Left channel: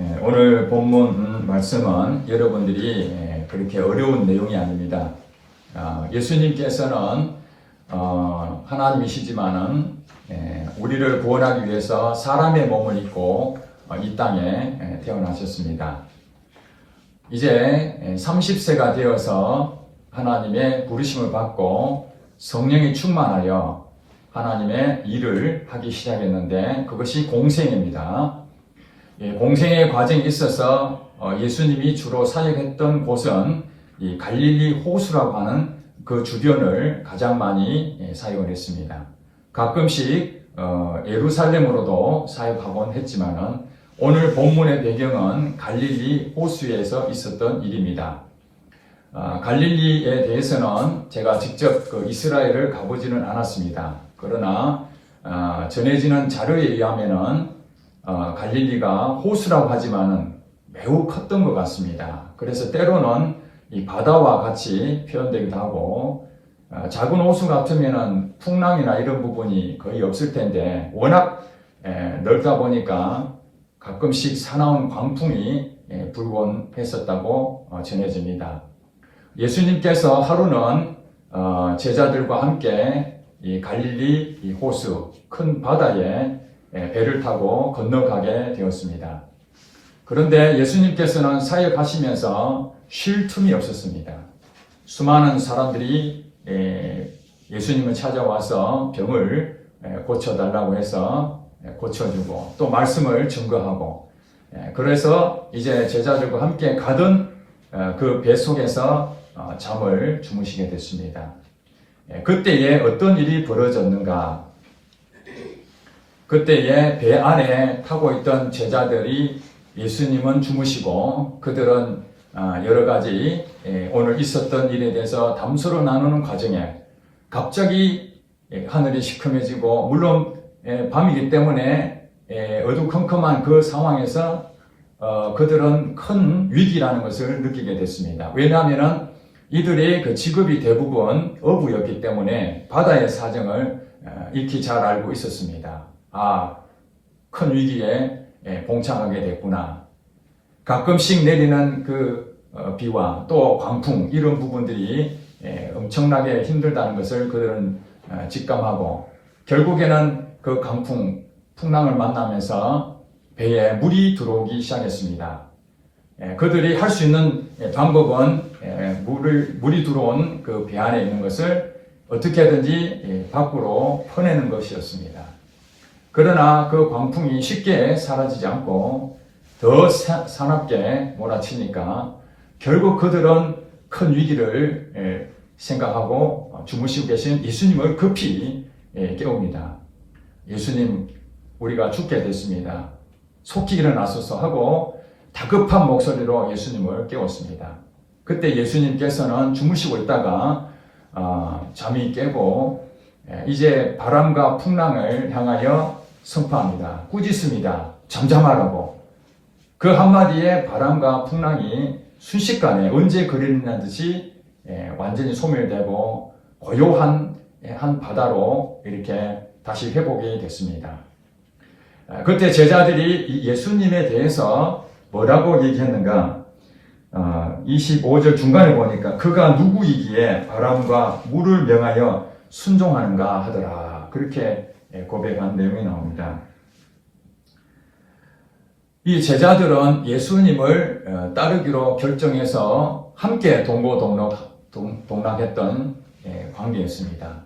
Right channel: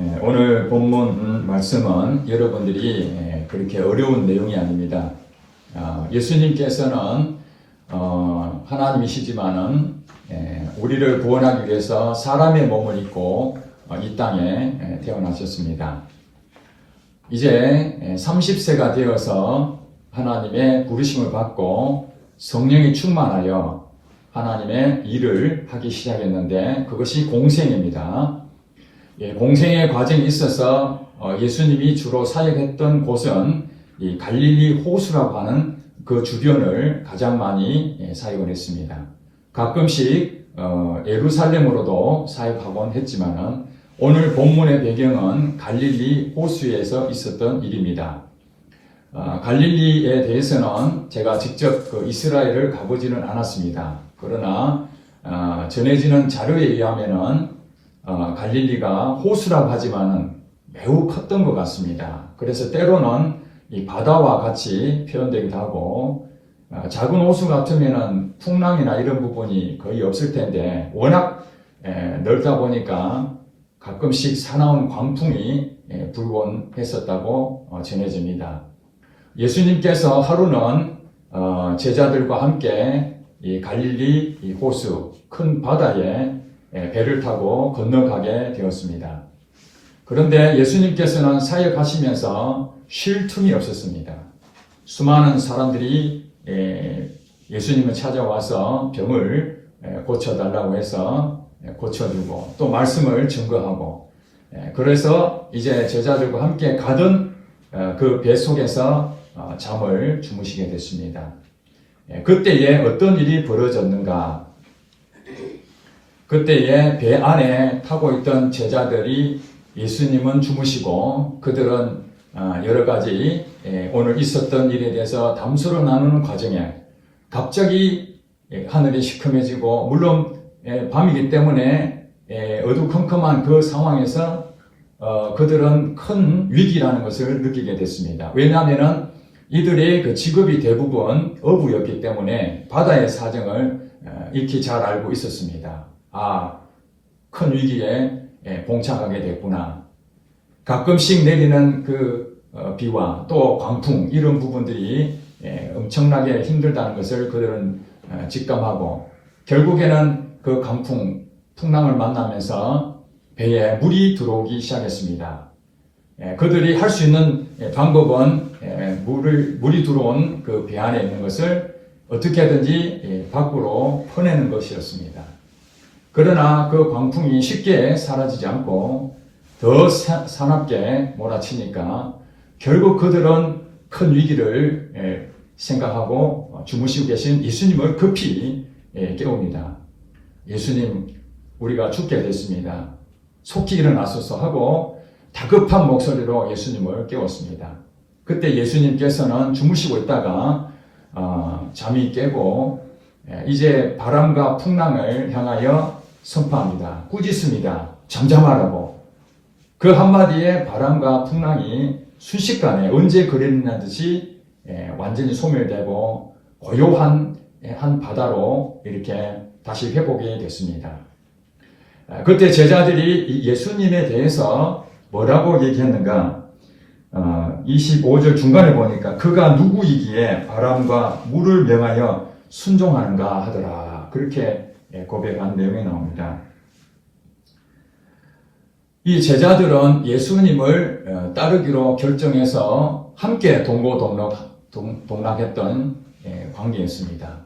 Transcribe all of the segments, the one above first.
오늘 본문 말씀은 여러분들이 그렇게 어려운 내용이 아닙니다. 예수님께서는 하나님이시지만은 우리를 구원하기 위해서 사람의 몸을 입고 이 땅에 태어나셨습니다. 이제 30세가 되어서 하나님의 부르심을 받고 성령이 충만하여 하나님의 일을 하기 시작했는데 그것이 공생입니다. 공생의 과정이 있어서 예수님이 주로 사역했던 곳은 이 갈릴리 호수라고 하는 그 주변을 가장 많이 사역을 했습니다. 가끔씩 예루살렘으로도 사역하곤 했지만은 오늘 본문의 배경은 갈릴리 호수에서 있었던 일입니다. 갈릴리에 대해서는 제가 직접 이스라엘을 가보지는 않았습니다. 그러나 전해지는 자료에 의하면은 갈릴리가 호수라고 하지만은 매우 컸던 것 같습니다. 그래서 때로는 이 바다와 같이 표현되기도 하고 작은 호수 같으면은 풍랑이나 이런 부분이 거의 없을 텐데 워낙 넓다 보니까 가끔씩 사나운 광풍이 불곤 했었다고 전해집니다. 예수님께서 하루는 제자들과 함께 이 갈릴리 이 호수 큰 바다에 배를 타고 건너가게 되었습니다. 그런데 예수님께서는 사역하시면서 쉴 틈이 없었습니다. 수많은 사람들이 예수님을 찾아와서 병을 고쳐달라고 해서 고쳐주고 또 말씀을 증거하고 그래서 이제 제자들과 함께 가던 그 배 속에서 잠을 주무시게 됐습니다. 그때에 어떤 일이 벌어졌는가? 그때에 배 안에 타고 있던 제자들이 예수님은 주무시고 그들은 여러 가지 오늘 있었던 일에 대해서 담소를 나누는 과정에 갑자기 하늘이 시커매지고 물론 밤이기 때문에 어두컴컴한 그 상황에서 그들은 큰 위기라는 것을 느끼게 됐습니다. 왜냐하면 이들의 그 직업이 대부분 어부였기 때문에 바다의 사정을 익히 잘 알고 있었습니다. 큰 위기에 봉착하게 됐구나. 가끔씩 내리는 그 비와 또 광풍 이런 부분들이 엄청나게 힘들다는 것을 그들은 직감하고 결국에는 그 강풍, 풍랑을 만나면서 배에 물이 들어오기 시작했습니다. 그들이 할 수 있는 방법은 물이 들어온 그 배 안에 있는 것을 어떻게든지 밖으로 퍼내는 것이었습니다. 그러나 그 광풍이 쉽게 사라지지 않고 더 사납게 몰아치니까 결국 그들은 큰 위기를 생각하고 주무시고 계신 예수님을 급히 깨웁니다. 예수님, 우리가 죽게 됐습니다. 속히 일어나소서 하고 다급한 목소리로 예수님을 깨웠습니다. 그때 예수님께서는 주무시고 있다가 잠이 깨고 이제 바람과 풍랑을 향하여 선포합니다. 꾸짖습니다. 잠잠하라고. 그 한마디에 바람과 풍랑이 순식간에 언제 그랬냐는 듯이 완전히 소멸되고 고요한 한 바다로 이렇게 다시 회복이 됐습니다. 그때 제자들이 예수님에 대해서 뭐라고 얘기했는가? 25절 중간에 보니까 그가 누구이기에 바람과 물을 명하여 순종하는가 하더라. 그렇게 고백한 내용이 나옵니다. 이 제자들은 예수님을 따르기로 결정해서 함께 동락했던 관계였습니다.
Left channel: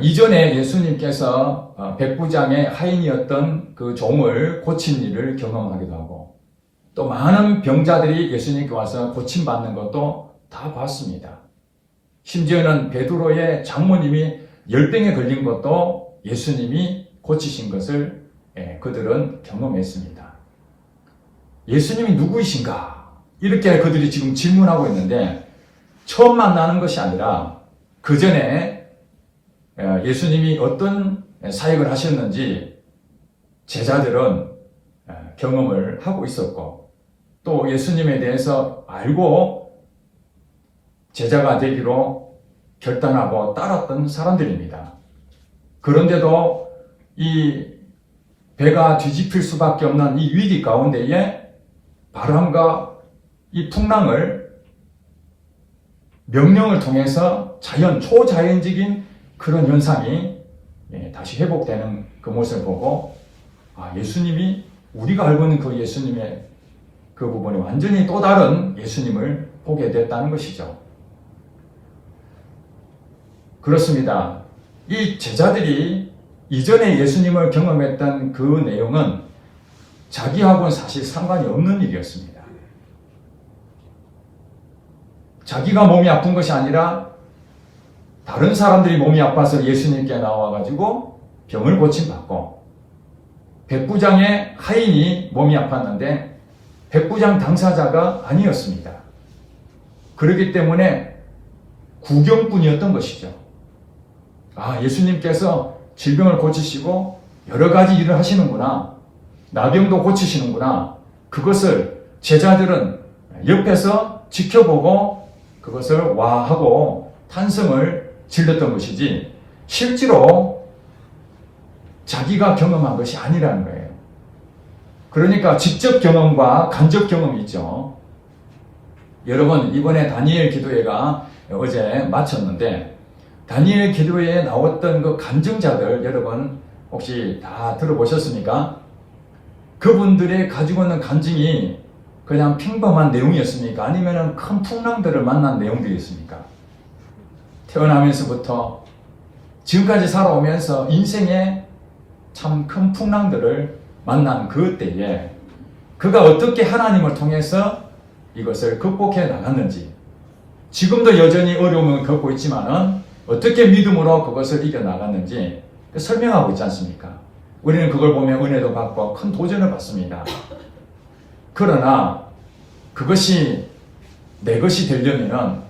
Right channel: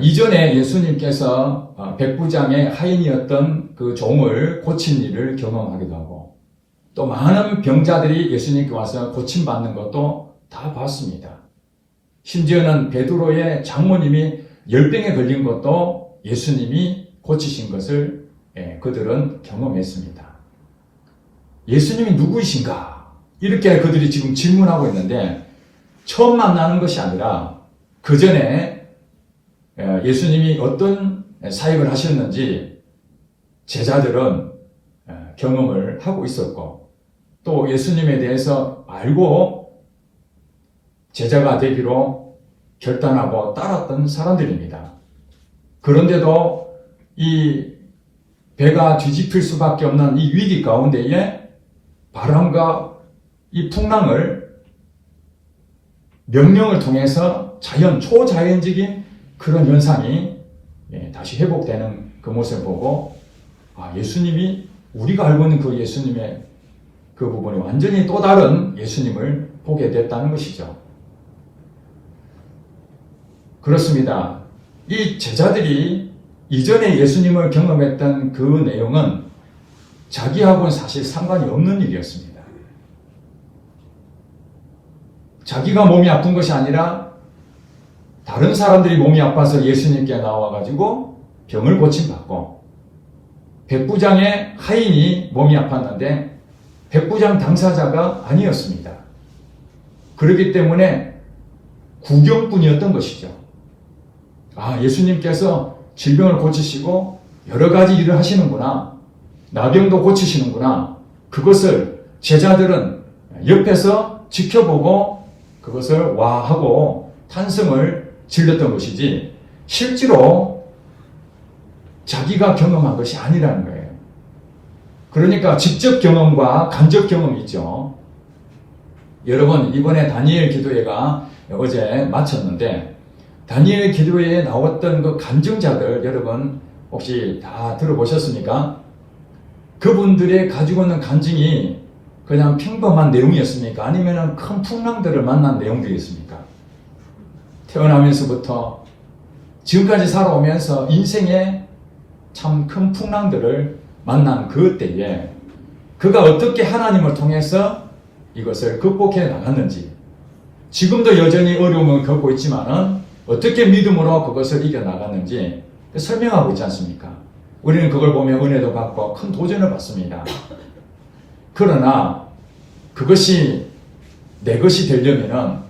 이전에 예수님께서 백부장의 하인이었던 그 종을 고친 일을 경험하기도 하고 또 많은 병자들이 예수님께 와서 고침받는 것도 다 봤습니다. 심지어는 베드로의 장모님이 열병에 걸린 것도 예수님이 고치신 것을 그들은 경험했습니다. 예수님이 누구이신가? 이렇게 그들이 지금 질문하고 있는데 처음 만나는 것이 아니라 그 전에 예수님이 어떤 사역을 하셨는지 제자들은 경험을 하고 있었고 또 예수님에 대해서 알고 제자가 되기로 결단하고 따랐던 사람들입니다. 그런데도 이 배가 뒤집힐 수밖에 없는 이 위기 가운데에 바람과 이 풍랑을 명령을 통해서 초자연적인 그런 현상이 다시 회복되는 그 모습을 보고 예수님이 우리가 알고 있는 그 예수님의 그 부분이 완전히 또 다른 예수님을 보게 됐다는 것이죠. 그렇습니다. 이 제자들이 이전에 예수님을 경험했던 그 내용은 자기하고는 사실 상관이 없는 일이었습니다. 자기가 몸이 아픈 것이 아니라 다른 사람들이 몸이 아파서 예수님께 나와가지고 병을 고침받고, 백부장의 하인이 몸이 아팠는데 백부장 당사자가 아니었습니다. 그렇기 때문에 구경꾼이었던 것이죠. 예수님께서 질병을 고치시고 여러 가지 일을 하시는구나, 나병도 고치시는구나, 그것을 제자들은 옆에서 지켜보고 그것을 와하고 탄성을 질렀던 것이지, 실제로 자기가 경험한 것이 아니라는 거예요. 그러니까 직접 경험과 간접 경험이 있죠. 여러분, 이번에 다니엘 기도회가 어제 마쳤는데, 다니엘 기도회에 나왔던 그 간증자들 여러분 혹시 다 들어보셨습니까? 그분들의 가지고 있는 간증이 그냥 평범한 내용이었습니까? 아니면 큰 풍랑들을 만난 내용들이었습니까? 태어나면서부터 지금까지 살아오면서 인생에 참 큰 풍랑들을 만난 그 때에 그가 어떻게 하나님을 통해서 이것을 극복해 나갔는지, 지금도 여전히 어려움을 겪고 있지만은 어떻게 믿음으로 그것을 이겨나갔는지 설명하고 있지 않습니까? 우리는 그걸 보면 은혜도 받고 큰 도전을 받습니다. 그러나 그것이 내 것이 되려면은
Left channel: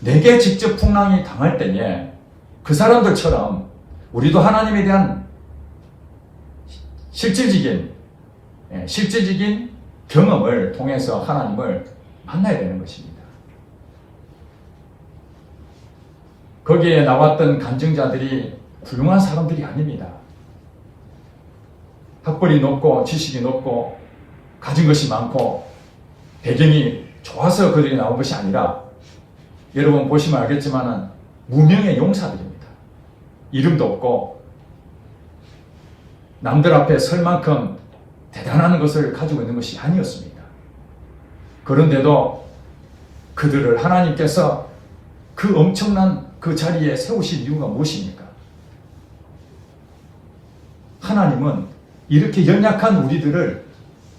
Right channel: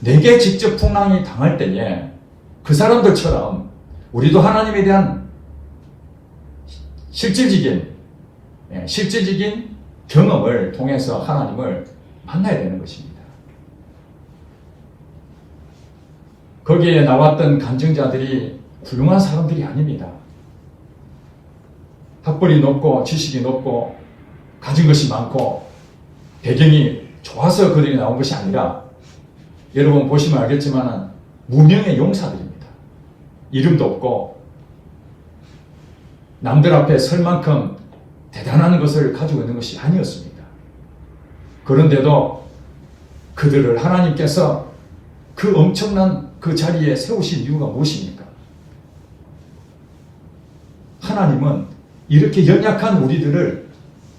내게 직접 풍랑이 당할 때에 그 사람들처럼 우리도 하나님에 대한 실질적인 경험을 통해서 하나님을 만나야 되는 것입니다. 거기에 나왔던 간증자들이 훌륭한 사람들이 아닙니다. 학벌이 높고 지식이 높고 가진 것이 많고 배경이 좋아서 그들이 나온 것이 아니라, 여러분 보시면 알겠지만 무명의 용사들입니다. 이름도 없고 남들 앞에 설 만큼 대단한 것을 가지고 있는 것이 아니었습니다. 그런데도 그들을 하나님께서 그 엄청난 그 자리에 세우신 이유가 무엇입니까? 하나님은 이렇게 연약한 우리들을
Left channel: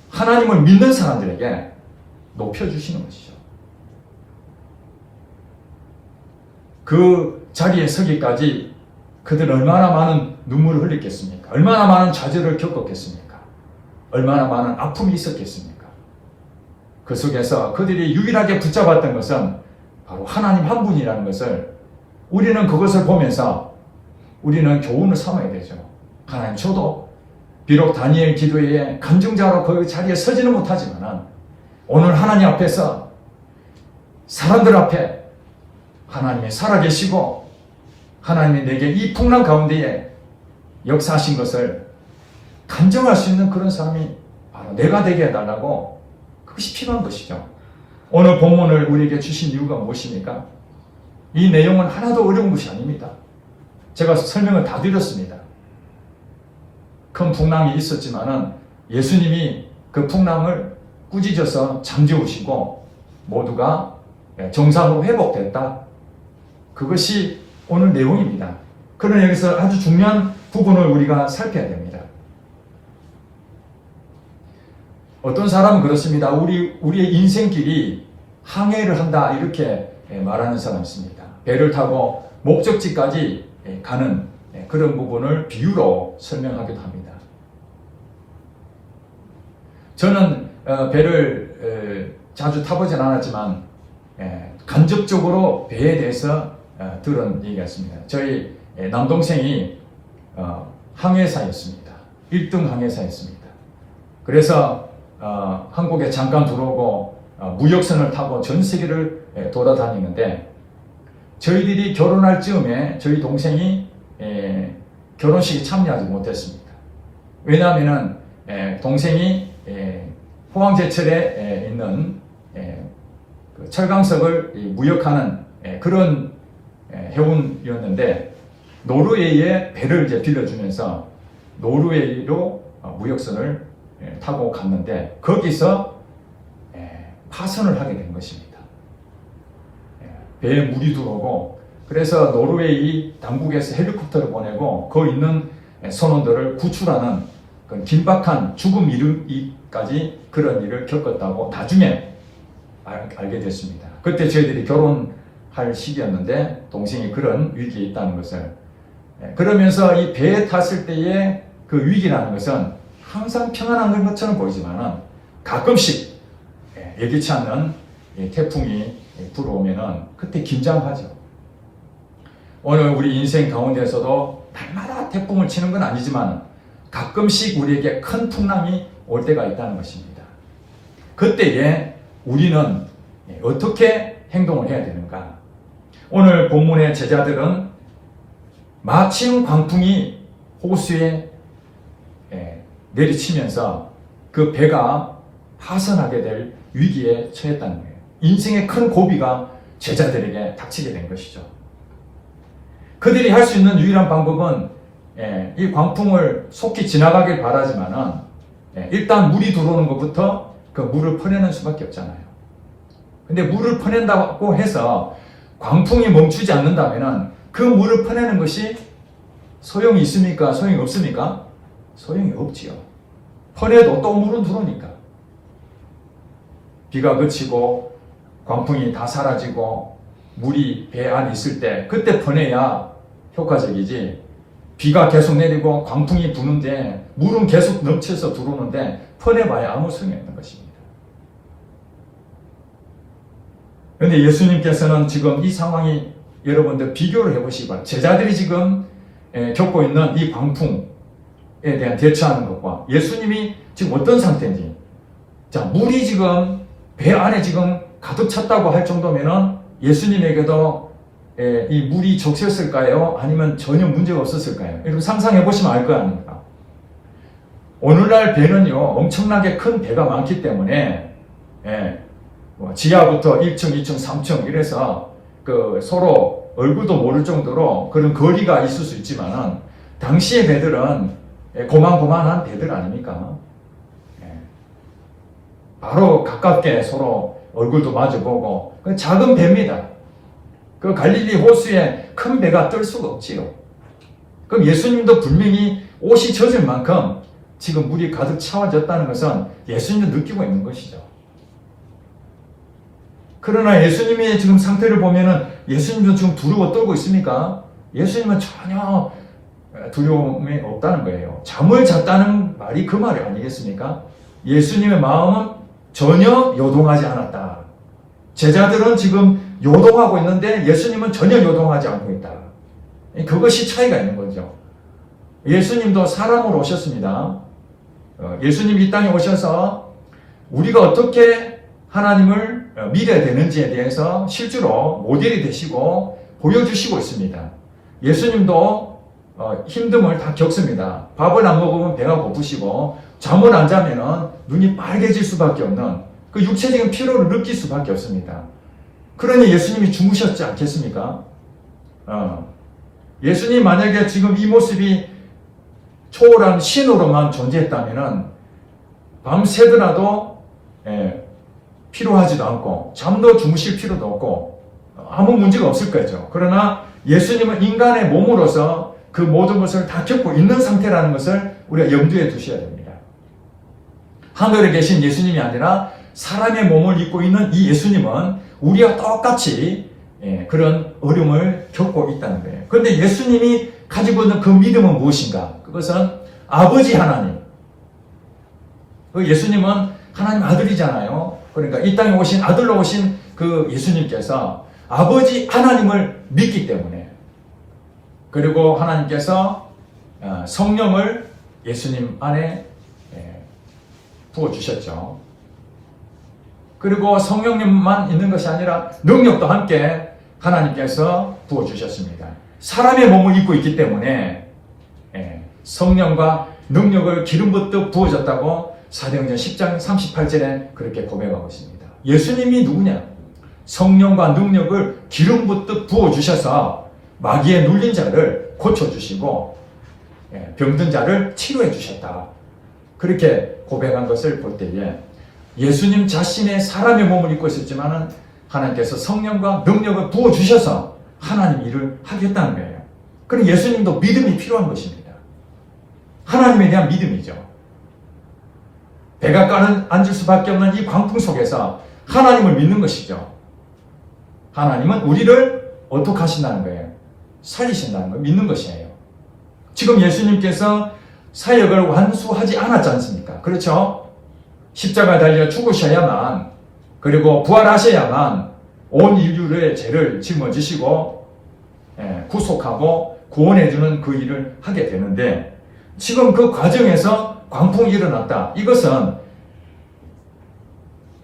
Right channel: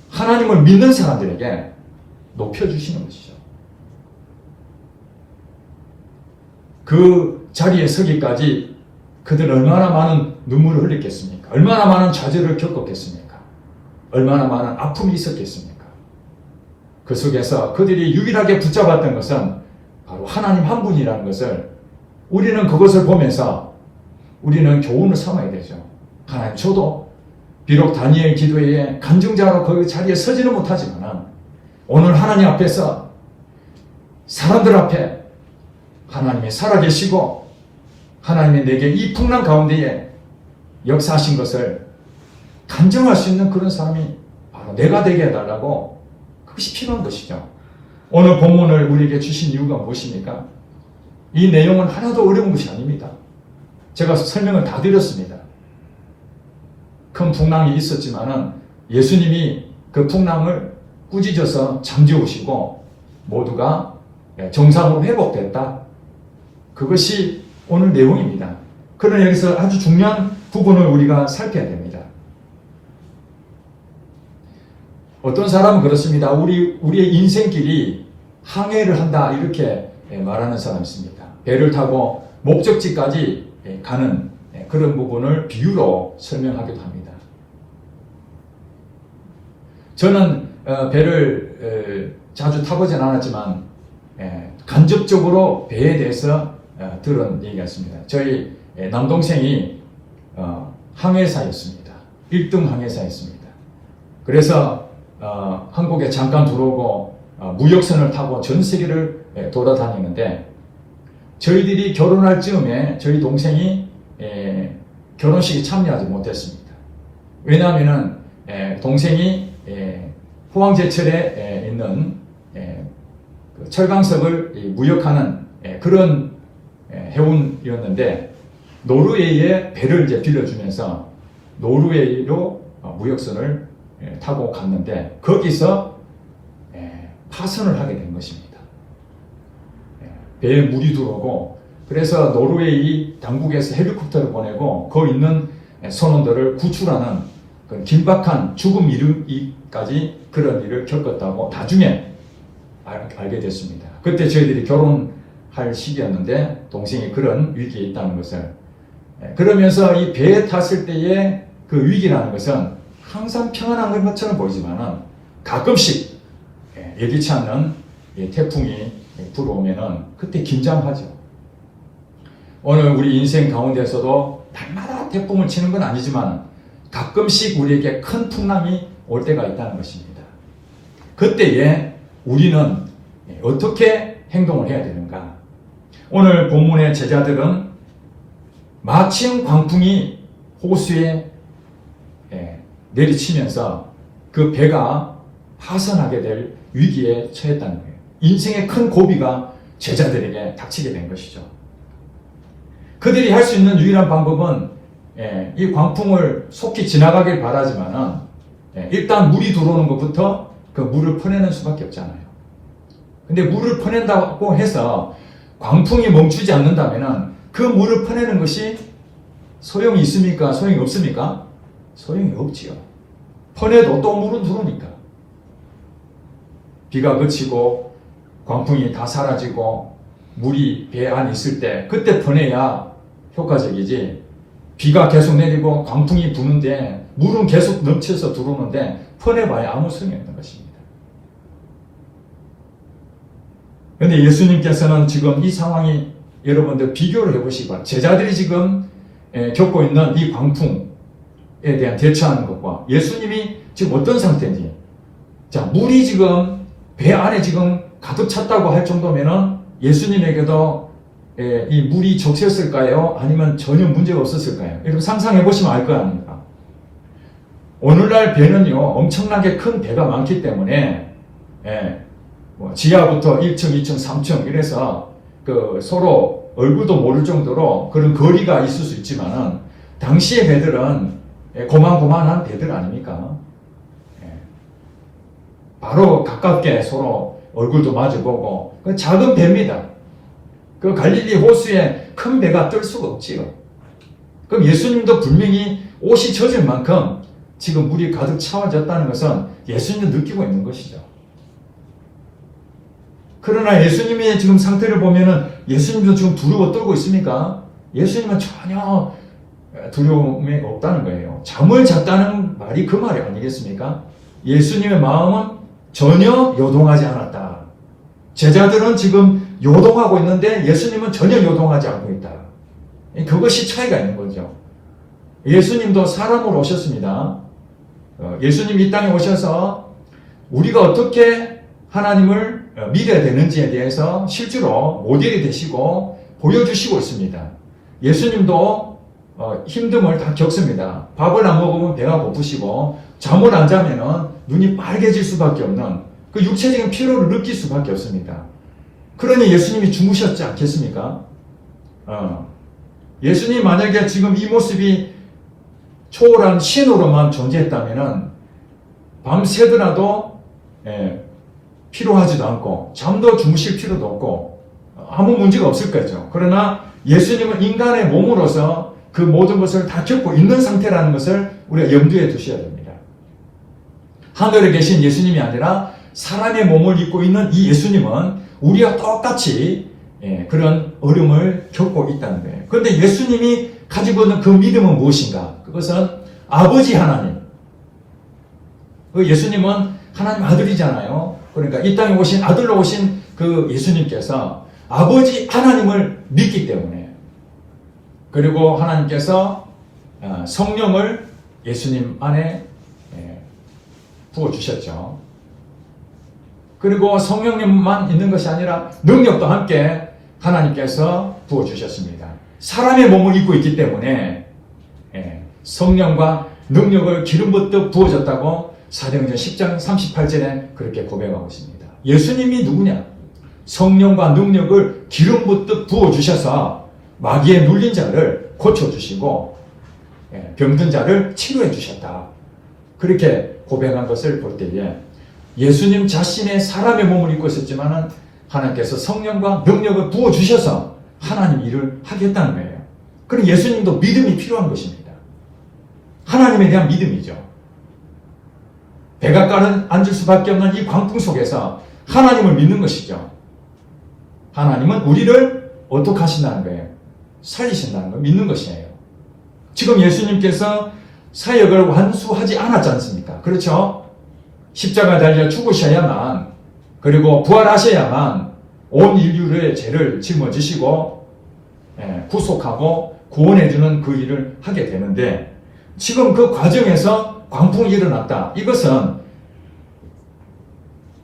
하나님을 믿는 사람들에게 높여주시는 것이죠. 그 자리에 서기까지 그들 얼마나 많은 눈물을 흘렸겠습니까? 얼마나 많은 좌절을 겪었겠습니까? 얼마나 많은 아픔이 있었겠습니까? 그 속에서 그들이 유일하게 붙잡았던 것은 바로 하나님 한 분이라는 것을, 우리는 그것을 보면서 우리는 교훈을 삼아야 되죠. 하나님, 저도 비록 다니엘 기도회에 간증자로 그 자리에 서지는 못하지만 오늘 하나님 앞에서 사람들 앞에 하나님이 살아계시고 하나님이 내게 이 풍랑 가운데에 역사하신 것을 간증할 수 있는 그런 사람이 바로 내가 되게 해달라고, 그것이 필요한 것이죠. 오늘 본문을 우리에게 주신 이유가 무엇입니까? 이 내용은 하나도 어려운 것이 아닙니다. 제가 설명을 다 드렸습니다. 큰 풍랑이 있었지만은 예수님이 그 풍랑을 꾸짖어서 잠재우시고 모두가 정상으로 회복됐다. 그것이 오늘 내용입니다. 그러나 여기서 아주 중요한 부분을 우리가 살펴야 됩니다. 어떤 사람은 그렇습니다. 우리의 인생길이 항해를 한다, 이렇게 말하는 사람이 있습니다. 배를 타고 목적지까지 가는 그런 부분을 비유로 설명하기도 합니다. 저는 배를 자주 타보진 않았지만 간접적으로 배에 대해서 들은 얘기가 있습니다. 저희 남동생이 항해사였습니다. 1등 항해사였습니다. 그래서 한국에 잠깐 들어오고 무역선을 타고 전 세계를 돌아다니는데, 저희들이 결혼할 즈음에 저희 동생이 결혼식에 참여하지 못했습니다. 왜냐하면은 동생이 포항제철에 있는 그 철강석을 무역하는 그런 해운이었는데 노르웨이에 배를 이제 빌려주면서 노르웨이로 무역선을 타고 갔는데 거기서 파선을 하게 된 것입니다. 배에 물이 들어오고 그래서 노르웨이 당국에서 헬리콥터를 보내고 거기 있는 선원들을 구출하는 그 긴박한 죽음 이르기까지 그런 일을 겪었다고 나중에 알게 됐습니다. 그때 저희들이 결혼할 시기였는데 동생이 그런 위기에 있다는 것을 그러면서 이 배에 탔을 때의 그 위기라는 것은 항상 평안한 것처럼 보이지만은 가끔씩 예기치 않는 태풍이 불어오면은 그때 긴장하죠. 오늘 우리 인생 가운데서도 날마다 태풍을 치는 건 아니지만 가끔씩 우리에게 큰 풍랑이 올 때가 있다는 것입니다. 그때에 우리는 어떻게 행동을 해야 되는가? 오늘 본문의 제자들은 마침 광풍이 호수에 내리치면서 그 배가 파선하게 될 위기에 처했다는 거예요. 인생의 큰 고비가 제자들에게 닥치게 된 것이죠. 그들이 할 수 있는 유일한 방법은 이 광풍을 속히 지나가길 바라지만은 일단 물이 들어오는 것부터 그 물을 퍼내는 수밖에 없잖아요. 근데 물을 퍼낸다고 해서 광풍이 멈추지 않는다면은 그 물을 퍼내는 것이 소용이 있습니까? 소용이 없습니까? 소용이 없지요. 퍼내도 또 물은 들어오니까. 비가 그치고 광풍이 다 사라지고 물이 배 안에 있을 때 그때 퍼내야 효과적이지. 비가 계속 내리고 광풍이 부는데 물은 계속 넘쳐서 들어오는데 퍼내봐야 아무 소용이 없는 것입니다. 그런데 예수님께서는 지금 이 상황이 여러분들 비교를 해보시기 바랍니다. 제자들이 지금 겪고 있는 이 광풍에 대한 대처하는 것과 예수님이 지금 어떤 상태인지. 자, 물이 지금 배 안에 지금 가득 찼다고 할 정도면은 예수님에게도 이 물이 적셨을까요? 아니면 전혀 문제가 없었을까요? 여러분 상상해 보시면 알 거 아닙니까? 오늘날 배는요 엄청나게 큰 배가 많기 때문에 지하부터 1층, 2층, 3층 이래서 그 서로 얼굴도 모를 정도로 그런 거리가 있을 수 있지만은 당시의 배들은 고만고만한 배들 아닙니까? 바로 가깝게 서로 얼굴도 마주보고 작은 배입니다. 그 갈릴리 호수에 큰 배가 뜰 수가 없지요. 그럼 예수님도 분명히 옷이 젖을 만큼 지금 물이 가득 차워졌다는 것은 예수님도 느끼고 있는 것이죠. 그러나 예수님의 지금 상태를 보면은 예수님도 지금 두려워 떨고 있습니까? 예수님은 전혀 두려움이 없다는 거예요. 잠을 잤다는 말이 그 말이 아니겠습니까? 예수님의 마음은 전혀 요동하지 않았다. 제자들은 지금 요동하고 있는데 예수님은 전혀 요동하지 않고 있다. 그것이 차이가 있는 거죠. 예수님도 사람으로 오셨습니다. 예수님이 이 땅에 오셔서 우리가 어떻게 하나님을 믿어야 되는지에 대해서 실제로 모델이 되시고 보여주시고 있습니다. 예수님도 힘듦을 다 겪습니다. 밥을 안 먹으면 배가 고프시고 잠을 안 자면 눈이 빨개질 수밖에 없는 그 육체적인 피로를 느낄 수밖에 없습니다. 그러니 예수님이 주무셨지 않겠습니까? 예수님 만약에 지금 이 모습이 초월한 신으로만 존재했다면 밤새더라도 피로하지도 않고 잠도 주무실 필요도 없고 아무 문제가 없을 거죠. 그러나 예수님은 인간의 몸으로서 그 모든 것을 다 겪고 있는 상태라는 것을 우리가 염두에 두셔야 됩니다. 하늘에 계신 예수님이 아니라 사람의 몸을 입고 있는 이 예수님은 우리와 똑같이 그런 어려움을 겪고 있다는 거예요. 그런데 예수님이 가지고 있는 그 믿음은 무엇인가? 그것은 아버지 하나님. 예수님은 하나님 아들이잖아요. 그러니까 이 땅에 오신 아들로 오신 그 예수님께서 아버지 하나님을 믿기 때문에 그리고 하나님께서 성령을 예수님 안에 부어주셨죠. 그리고 성령님만 있는 것이 아니라 능력도 함께 하나님께서 부어주셨습니다. 사람의 몸을 입고 있기 때문에 성령과 능력을 기름부터 부어졌다고 사도행전 10장 38절에 그렇게 고백하고 있습니다. 예수님이 누구냐? 성령과 능력을 기름부터 부어주셔서 마귀에 눌린 자를 고쳐주시고 병든 자를 치료해 주셨다. 그렇게 고백한 것을 볼 때에 예수님 자신의 사람의 몸을 입고 있었지만 하나님께서 성령과 능력을 부어주셔서 하나님 일을 하겠다는 거예요. 그럼 예수님도 믿음이 필요한 것입니다. 하나님에 대한 믿음이죠. 백악관은 앉을 수밖에 없는 이 광풍 속에서 하나님을 믿는 것이죠. 하나님은 우리를 어떻게 하신다는 거예요? 살리신다는 걸 믿는 것이에요. 지금 예수님께서 사역을 완수하지 않았지 않습니까? 그렇죠? 십자가에 달려 죽으셔야만, 그리고 부활하셔야만 온 인류의 죄를 짊어지시고 구속하고 구원해주는 그 일을 하게 되는데, 지금 그 과정에서 광풍이 일어났다. 이것은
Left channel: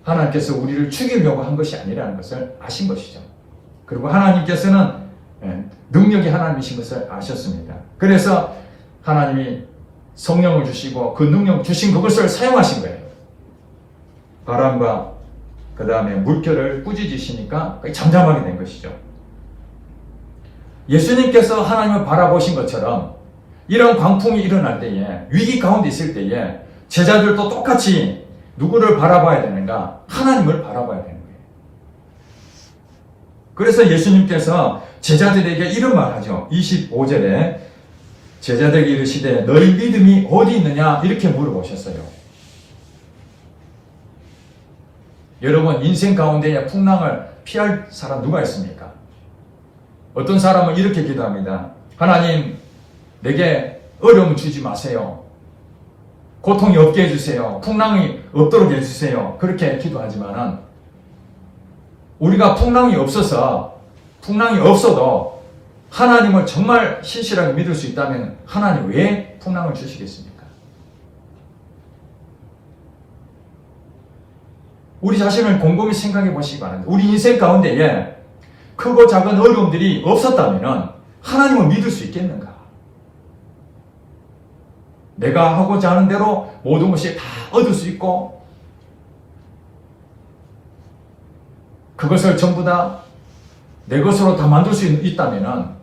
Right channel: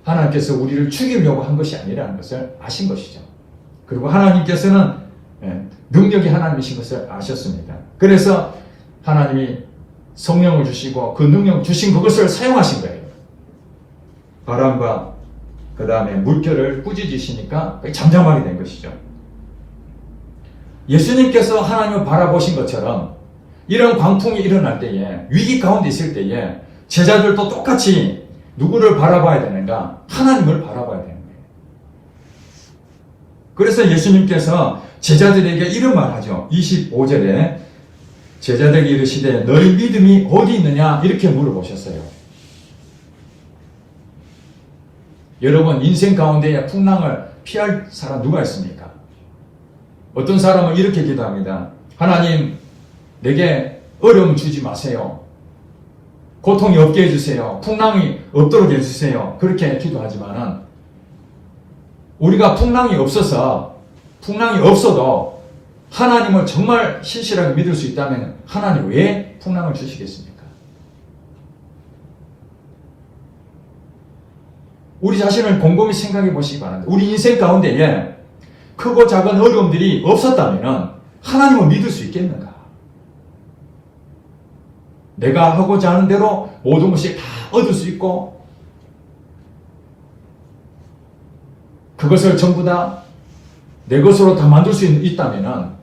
하나님께서 우리를 죽이려고 한 것이 아니라는 것을 아신 것이죠. 그리고 하나님께서는 능력이 하나님이신 것을 아셨습니다. 그래서 하나님이 성령을 주시고 그 능력 주신 그것을 사용하신 거예요. 바람과 그 다음에 물결을 꾸짖으시니까 잠잠하게 된 것이죠. 예수님께서 하나님을 바라보신 것처럼 이런 광풍이 일어날 때에, 위기 가운데 있을 때에 제자들도 똑같이 누구를 바라봐야 되는가? 하나님을 바라봐야 되는 거예요. 그래서 예수님께서 제자들에게 이런 말 하죠. 25절에 제자들에게 이르시되 너희 믿음이 어디 있느냐? 이렇게 물어보셨어요. 여러분, 인생 가운데에 풍랑을 피할 사람 누가 있습니까? 어떤 사람은 이렇게 기도합니다. 하나님, 내게 어려움 주지 마세요. 고통이 없게 해주세요. 풍랑이 없도록 해주세요. 그렇게 기도하지만은 우리가 풍랑이 없어도 하나님을 정말 신실하게 믿을 수 있다면 하나님 왜 풍랑을 주시겠습니까? 우리 자신을 곰곰이 생각해 보시기 바랍니다. 우리 인생 가운데에 크고 작은 어려움들이 없었다면 하나님을 믿을 수 있겠는가? 내가 하고자 하는 대로 모든 것이 다 얻을 수 있고 그것을 전부 다 내 것으로 다 만들 수 있다면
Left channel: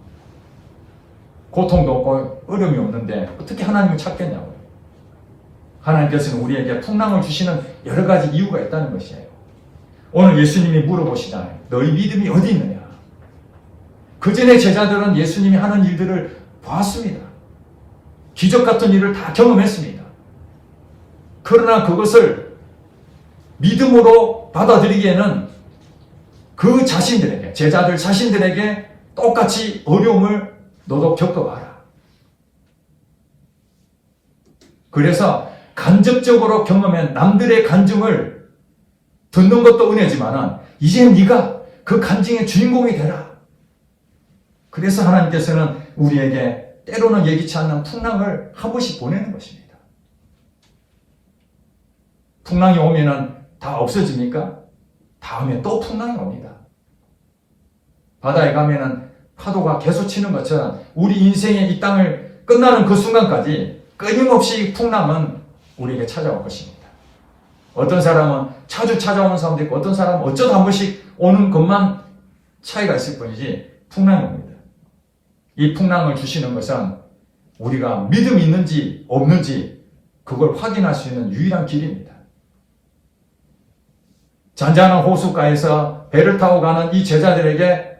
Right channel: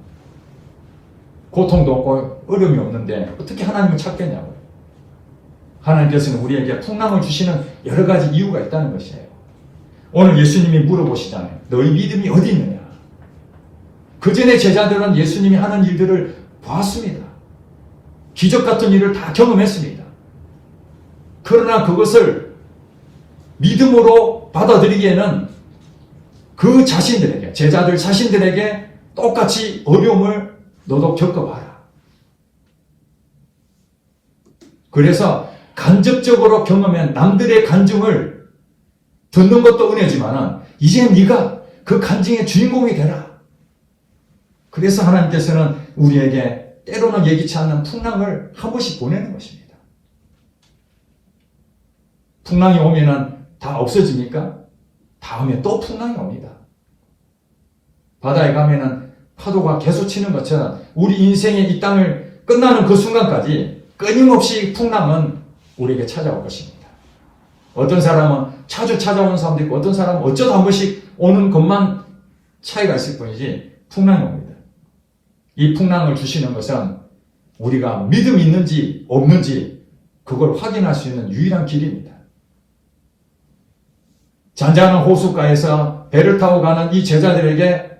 고통도 없고 어려움이 없는데 어떻게 하나님을 찾겠냐고요. 하나님께서는 우리에게 풍랑을 주시는 여러 가지 이유가 있다는 것이에요. 오늘 예수님이 물어보시잖아요. 너희 믿음이 어디 있느냐? 그 전에 제자들은 예수님이 하는 일들을 보았습니다. 기적 같은 일을 다 경험했습니다. 그러나 그것을 믿음으로 받아들이기에는 그 자신들에게, 제자들 자신들에게 똑같이 어려움을 너도 겪어봐라. 그래서 간접적으로 경험한 남들의 간증을 듣는 것도 은혜지만은 이제 네가 그 간증의 주인공이 되라. 그래서 하나님께서는 우리에게 때로는 예기치 않는 풍랑을 한 번씩 보내는 것입니다. 풍랑이 오면은 다 없어집니까? 다음에 또 풍랑이 옵니다. 바다에 가면은 파도가 계속 치는 것처럼 우리 인생의 이 땅을 끝나는 그 순간까지 끊임없이 풍랑은 우리에게 찾아올 것입니다. 어떤 사람은 자주 찾아오는 사람도 있고 어떤 사람은 어쩌다 한 번씩 오는 것만 차이가 있을 뿐이지 풍랑이 옵니다. 이 풍랑을 주시는 것은 우리가 믿음이 있는지 없는지 그걸 확인할 수 있는 유일한 길입니다. 잔잔한 호숫가에서 배를 타고 가는 이 제자들에게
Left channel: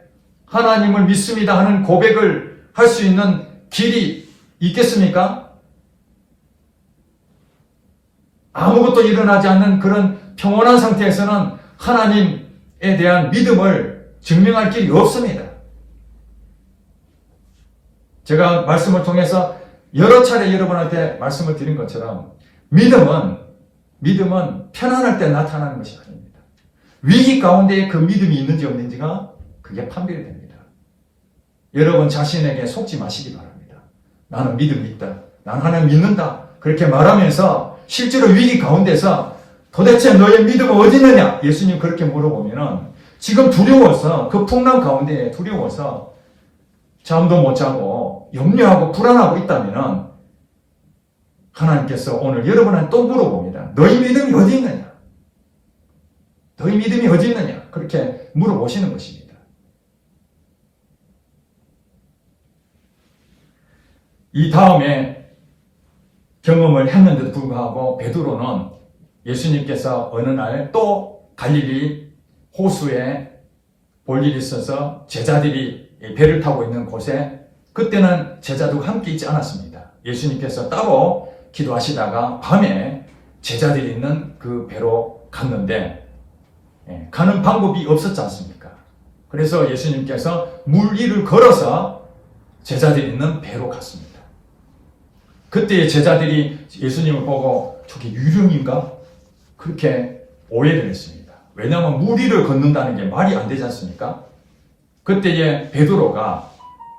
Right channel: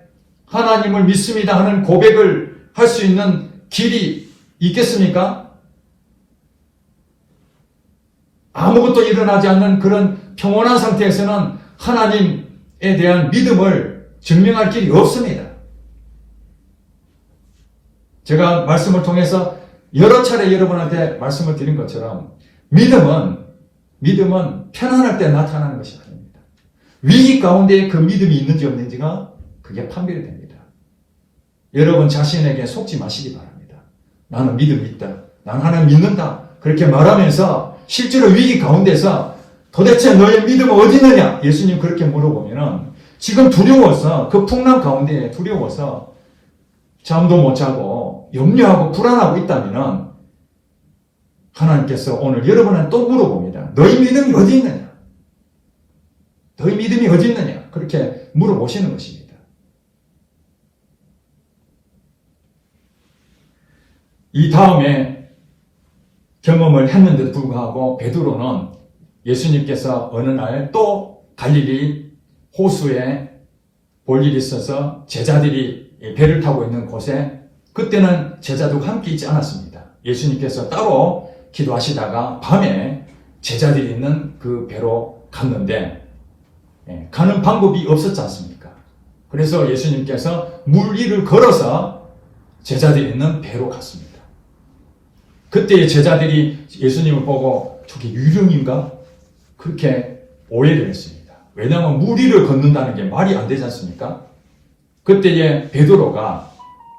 하나님을 믿습니다 하는 고백을 할 수 있는 길이 있겠습니까? 아무것도 일어나지 않는 그런 평온한 상태에서는 하나님에 대한 믿음을 증명할 길이 없습니다. 제가 말씀을 통해서 여러 차례 여러분한테 말씀을 드린 것처럼 믿음은 편안할 때 나타나는 것이 아닙니다. 위기 가운데 그 믿음이 있는지 없는지가 그게 판별이 됩니다. 여러분 자신에게 속지 마시기 바랍니다. 나는 믿음이 있다. 나는 하나님 믿는다. 그렇게 말하면서 실제로 위기 가운데서 도대체 너의 믿음은 어디 있느냐? 예수님 그렇게 물어보면은 지금 두려워서 그 풍랑 가운데 두려워서 잠도 못 자고 염려하고 불안하고 있다면은 하나님께서 오늘 여러분한테 또 물어봅니다. 너희 믿음이 어디 있느냐? 너희 믿음이 어디 있느냐? 그렇게 물어보시는 것입니다. 이 다음에 경험을 했는데도 불구하고 베드로는 예수님께서 어느 날 또 갈릴리 호수에 볼 일이 있어서 제자들이 배를 타고 있는 곳에 그때는 제자들과 함께 있지 않았습니다. 예수님께서 따로 기도하시다가 밤에 제자들이 있는 그 배로 갔는데 가는 방법이 없었지 않습니까? 그래서 예수님께서 물 위를 걸어서 제자들이 있는 배로 갔습니다. 그때 제자들이 예수님을 보고 저게 유령인가? 그렇게 오해를 했습니다. 왜냐하면 물 위를 걷는다는 게 말이 안 되지 않습니까? 그때에 베드로가,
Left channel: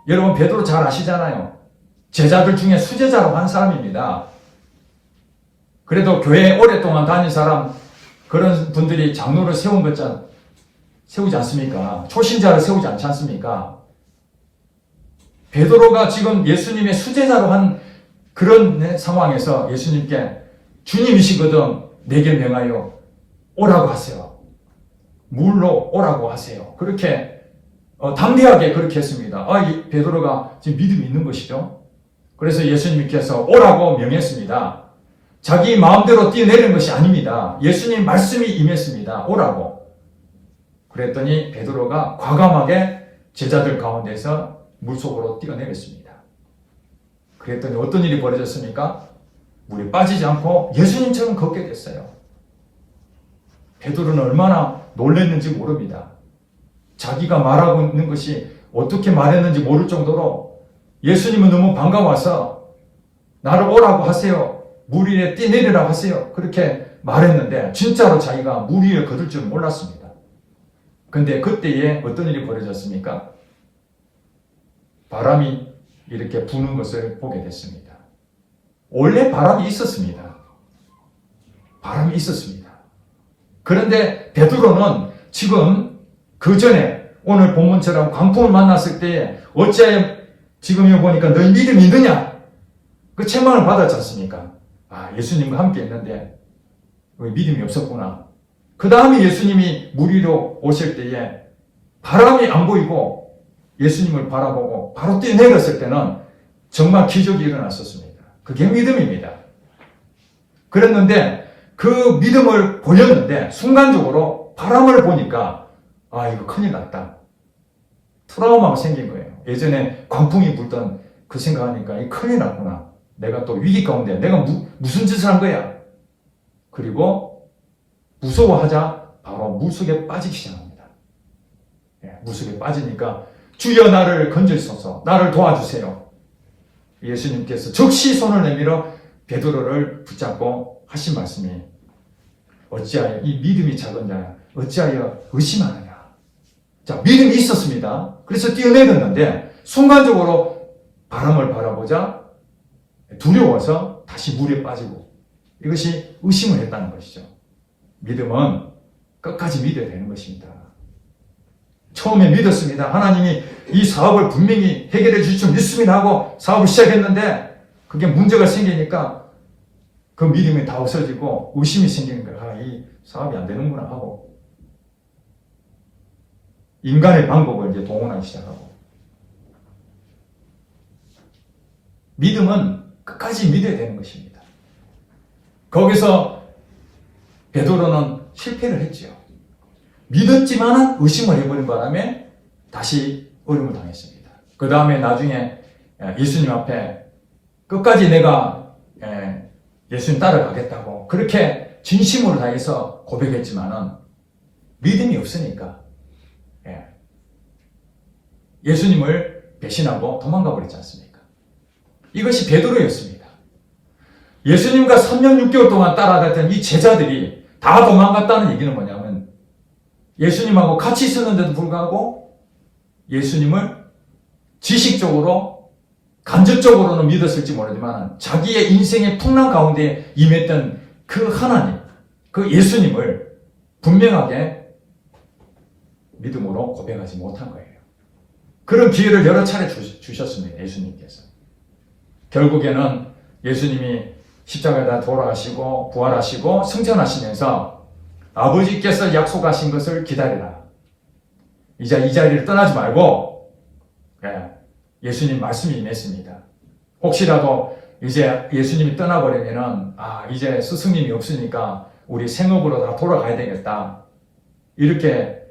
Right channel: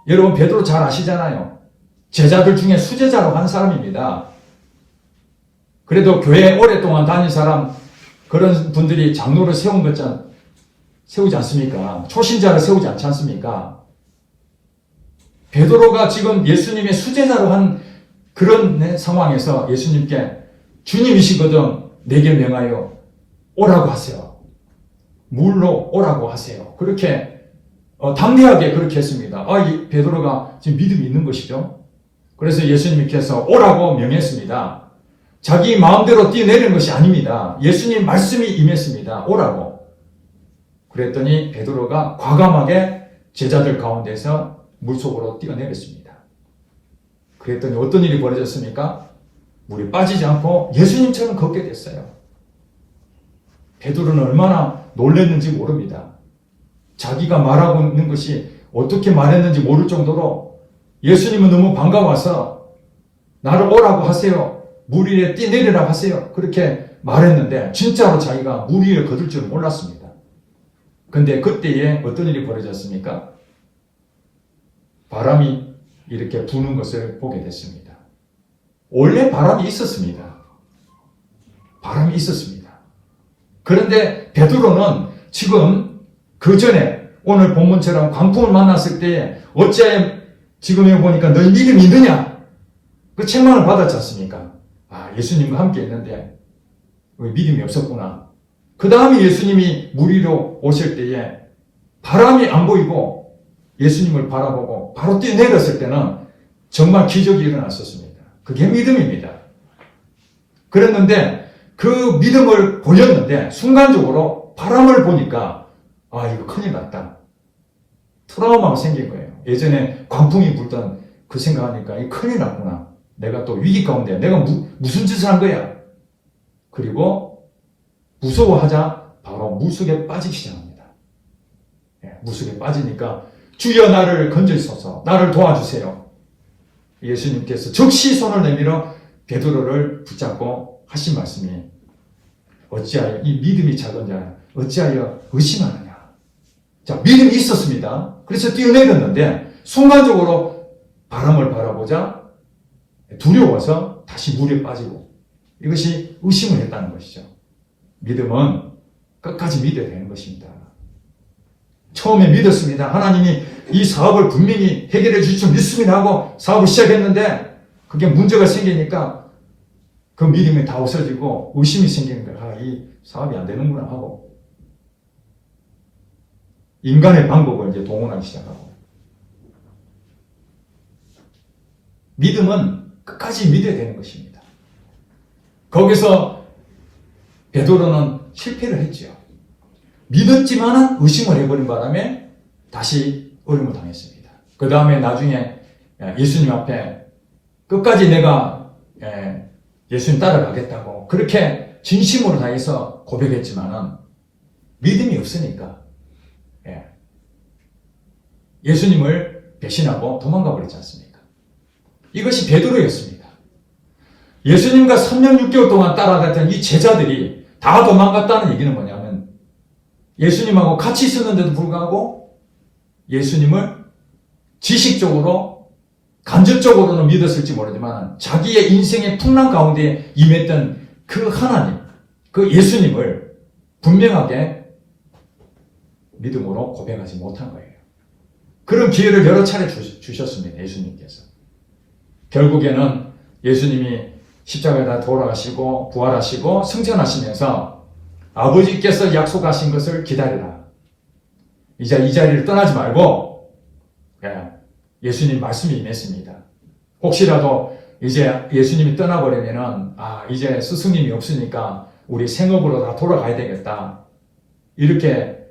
여러분 베드로 잘 아시잖아요. 제자들 중에 수제자로 한 사람입니다. 그래도 교회 오랫동안 다닌 사람, 그런 분들이 장로를 세우지 않습니까? 초신자를 세우지 않지 않습니까? 베드로가 지금 예수님의 수제자로 한 그런 상황에서 예수님께 주님이시거든 내게 명하여 오라고 하세요. 물로 오라고 하세요. 그렇게 담대하게 그렇게 했습니다. 이 베드로가 지금 믿음이 있는 것이죠. 그래서 예수님께서 오라고 명했습니다. 자기 마음대로 뛰어내린 것이 아닙니다. 예수님 말씀이 임했습니다. 오라고. 그랬더니 베드로가 과감하게 제자들 가운데서 물속으로 뛰어내렸습니다. 그랬더니 어떤 일이 벌어졌습니까? 물에 빠지지 않고 예수님처럼 걷게 됐어요. 베드로는 얼마나 놀랐는지 모릅니다. 자기가 말하고 있는 것이 어떻게 말했는지 모를 정도로 예수님은 너무 반가워서 나를 오라고 하세요. 물 위에 뛰내리라고 하세요. 그렇게 말했는데 진짜로 자기가 물 위에 걷을 줄 몰랐습니다. 근데 그때에 어떤 일이 벌어졌습니까? 바람이 이렇게 부는 것을 보게 됐습니다. 원래 바람이 있었습니다. 바람이 있었습니다. 그런데 베드로는 지금 그 전에 오늘 본문처럼 광풍을 만났을 때 어찌하여 지금 여기 보니까 너희 믿음이 있느냐? 그 책망을 받았지 않습니까? 예수님과 함께 있는데 믿음이 없었구나. 그 다음에 예수님이 물 위로 오실 때에 바람이 안 보이고 예수님을 바라보고 바로 뛰어내렸을 때는 정말 기적이 일어났었습니다. 그게 믿음입니다. 그랬는데 그 믿음을 보였는데 순간적으로 바람을 보니까 이거 큰일 났다. 트라우마가 생긴 거예요. 예전에 광풍이 불던 그 생각하니까 이 큰일 났구나. 내가 또 위기 가운데 내가 무슨 짓을 한 거야. 그리고 무서워하자 바로 물속에 빠지기 시작합니다. 물속에 빠지니까 주여 나를 건져주소서, 나를 도와주세요. 예수님께서 즉시 손을 내밀어 베드로를 붙잡고 하신 말씀이 어찌하여 이 믿음이 작은 자야 어찌하여 의심하느냐. 자, 믿음이 있었습니다. 그래서 뛰어내렸는데 순간적으로 바람을 바라보자 두려워서 다시 물에 빠지고 이것이 의심을 했다는 것이죠. 믿음은 끝까지 믿어야 되는 것입니다. 처음에 믿었습니다. 하나님이 이 사업을 분명히 해결해 주실 줄 믿습니다 하고 사업을 시작했는데 그게 문제가 생기니까 그 믿음이 다 없어지고 의심이 생기는 거예요. 이 사업이 안 되는구나 하고 인간의 방법을 이제 동원하기 시작하고 믿음은 끝까지 믿어야 되는 것입니다. 거기서 베드로는 실패를 했죠. 믿었지만은 의심을 해버린 바람에 다시 어려움을 당했습니다. 그 다음에 나중에 예수님 앞에 끝까지 내가 예수님 따라가겠다고 그렇게 진심으로 다해서 고백했지만은 믿음이 없으니까 예수님을 배신하고 도망가 버렸지 않습니까? 이것이 베드로였습니다. 예수님과 3년 6개월 동안 따라다녔던 이 제자들이 다 도망갔다는 얘기는 뭐냐면 예수님하고 같이 있었는데도 불구하고 예수님을 지식적으로 간접적으로는 믿었을지 모르지만 자기의 인생의 풍랑 가운데 임했던 그 하나님, 그 예수님을 분명하게 믿음으로 고백하지 못한 거예요. 그런 기회를 여러 차례 주셨습니다. 예수님께서. 결국에는 예수님이 십자가에 다 돌아가시고 부활하시고 승천하시면서 아버지께서 약속하신 것을 기다리라. 이제 이 자리를 떠나지 말고 예수님 말씀이 임했습니다. 혹시라도 이제 예수님이 떠나버리면은 이제 스승님이 없으니까 우리 생업으로 다 돌아가야 되겠다. 이렇게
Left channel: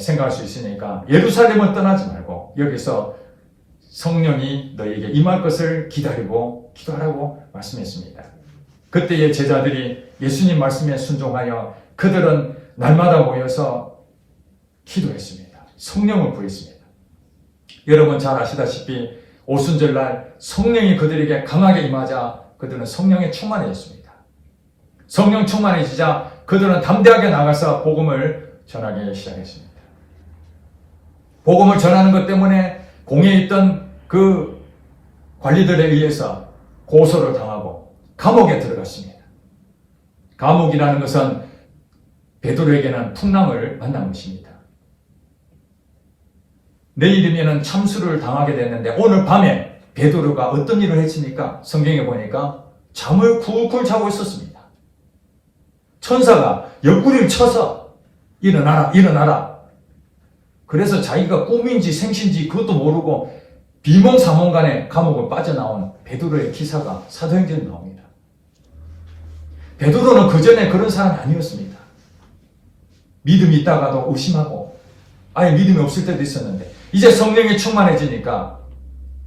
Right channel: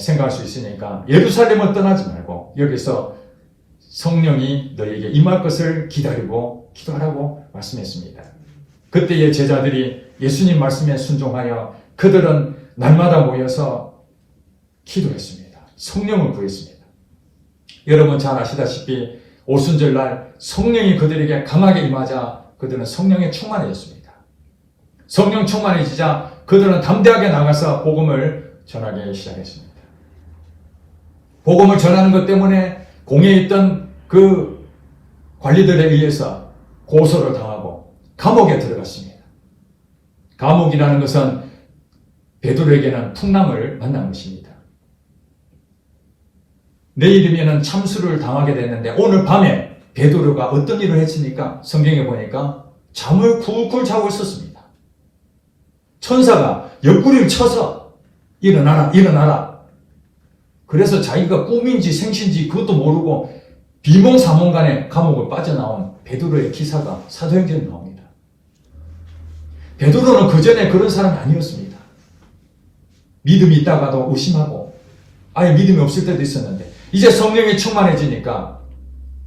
생각할 수 있으니까 예루살렘을 떠나지 말고 여기서 성령이 너에게 임할 것을 기다리고 기도하라고 말씀했습니다. 그때의 제자들이 예수님 말씀에 순종하여 그들은 날마다 모여서 기도했습니다. 성령을 구했습니다. 여러분 잘 아시다시피 오순절날 성령이 그들에게 강하게 임하자 그들은 성령에 충만해졌습니다. 성령 충만해지자 그들은 담대하게 나가서 복음을 전하기 시작했습니다. 복음을 전하는 것 때문에 공회에 있던 그 관리들에 의해서 고소를 당하고 감옥에 들어갔습니다. 감옥이라는 것은 베드로에게는 풍랑을 만난 것입니다. 내일이면 참수를 당하게 됐는데 오늘 밤에 베드로가 어떤 일을 했습니까? 성경에 보니까 잠을 쿨쿨 자고 있었습니다. 천사가 옆구리를 쳐서 일어나라 일어나라. 그래서 자기가 꿈인지 생신지 그것도 모르고 비몽사몽간에 감옥을 빠져나온 베드로의 기사가 사도행전에 나옵니다. 베드로는 그전에 그런 사람이 아니었습니다. 믿음이 있다가도 의심하고 아예 믿음이 없을 때도 있었는데 이제 성령이 충만해지니까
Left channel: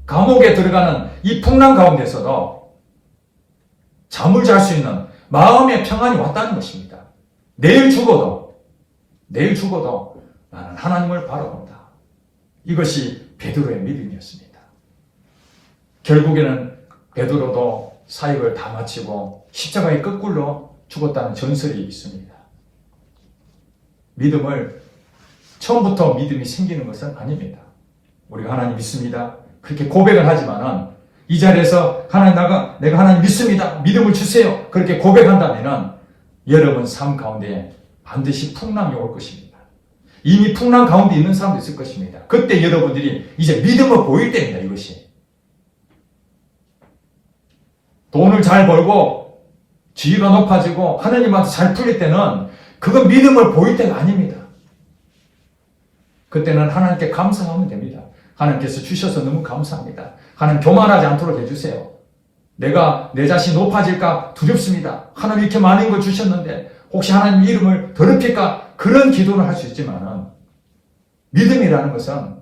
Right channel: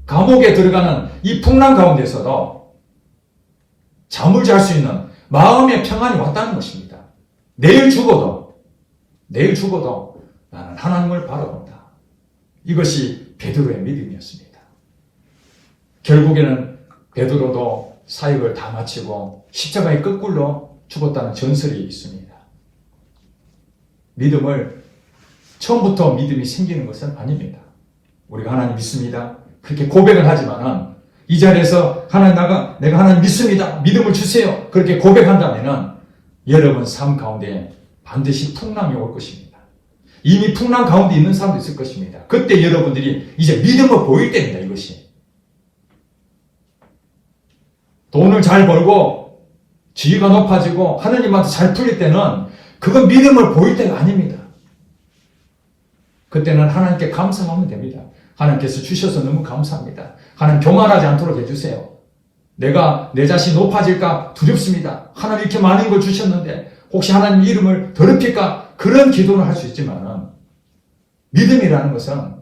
감옥에 들어가는 이 풍랑 가운데서도 잠을 잘 수 있는 마음의 평안이 왔다는 것입니다. 내일 죽어도 나는 하나님을 바라본다. 이것이 베드로의 믿음이었습니다. 결국에는 베드로도 사역을 다 마치고 십자가에 거꾸로 죽었다는 전설이 있습니다. 믿음을 처음부터 믿음이 생기는 것은 아닙니다. 우리가 하나님 믿습니다. 그렇게 고백을 하지만은 이 자리에서 내가 하나님 믿습니다. 믿음을 주세요. 그렇게 고백한다면은 여러분 삶 가운데 반드시 풍랑이 올 것입니다. 이미 풍랑 가운데 있는 사람도 있을 것입니다. 그때 여러분들이 이제 믿음을 보일 때입니다. 이것이. 돈을 잘 벌고 지위가 높아지고 하나님한테 잘 풀릴 때는 그건 믿음을 보일 때가 아닙니다. 그때는 하나님께 감사하면 됩니다. 하나님께서 주셔서 너무 감사합니다. 하나님 교만하지 않도록 해주세요. 내가 내 자신이 높아질까 두렵습니다. 하나님 이렇게 많은 걸 주셨는데 혹시 하나님 이름을 더럽힐까 그런 기도를 할 수 있지만은 믿음이라는 것은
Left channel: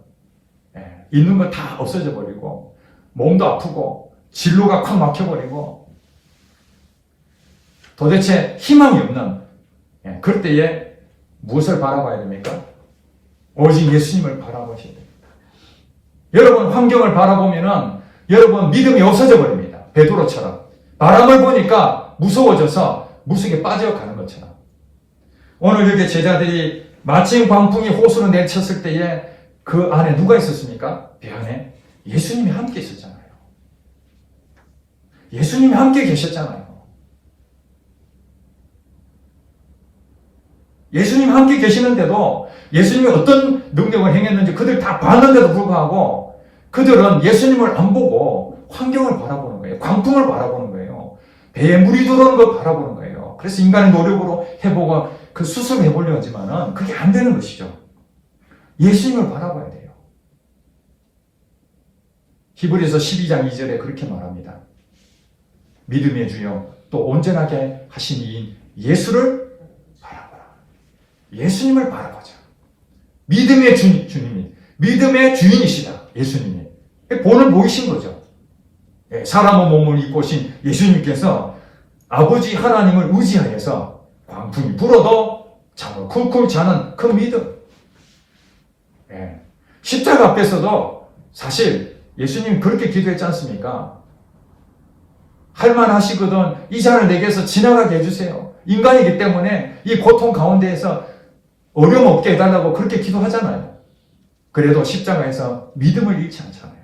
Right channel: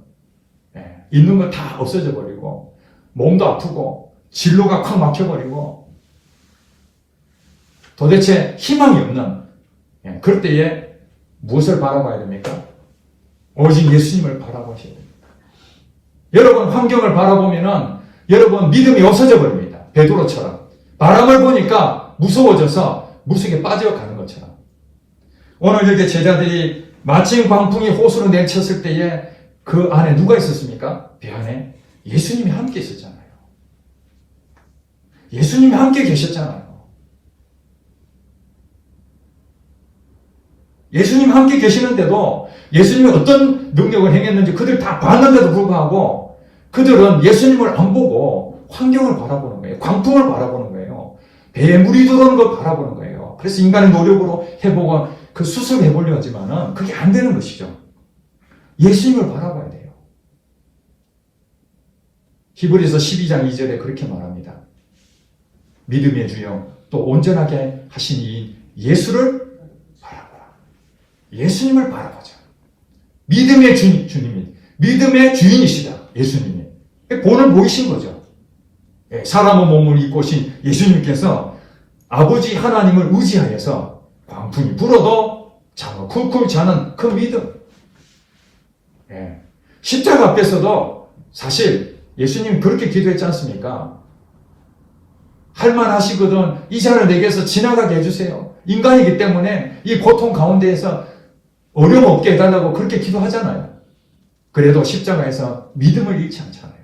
있는 거 다 없어져 버리고 몸도 아프고 진로가 콱 막혀버리고 도대체 희망이 없는 그럴 때에 무엇을 바라봐야 됩니까? 오직 예수님을 바라보셔야 됩니다. 여러분 환경을 바라보면은 여러분 믿음이 없어져 버립니다. 베드로처럼 바람을 보니까 무서워져서 물속에 빠져가는 것처럼. 오늘 이렇게 제자들이 마침 광풍이 호수로 내쳤을 때에 그 안에 누가 있었습니까? 배 안에 예수님이 함께 있었잖아요. 예수님이 함께 계셨잖아요. 예수님 함께 계시는데도 예수님이 어떤 능력을 행했는지 그들 다 봤는데도 불구하고 그들은 예수님을 안 보고 환경을 바라보는 거예요. 광풍을 바라보는 거예요. 배에 물이 들어오는 걸 바라보는 거예요. 그래서 인간의 노력으로 해보고 그 수술을 해보려고 하지만은 그게 안 되는 것이죠. 예수님을 바라봐야 돼요. 히브리서 12장 2절에 그렇게 말합니다. 믿음의 주여 또 온전하게 하신 이인 예수를 바라보라. 예수님을 바라보자. 믿음의 주님이 믿음의 주인이시다. 예수님이 본을 보이신 거죠. 사람의 몸을 입고 오신 예수님께서 아버지 하나님을 의지하여서 광풍이 불어도 잠을 쿨쿨 자는 그 믿음. 십자가 앞에서도 사실 예수님 그렇게 기도했지 않습니까? 할만하시거든 이 잔을 내게서 지나가게 해주세요. 인간이기 때문에 이 고통 가운데에서 어려움 없게 해달라고 그렇게 기도하잖아요. 그래도 십자가에서 믿음을 잃지 않잖아요.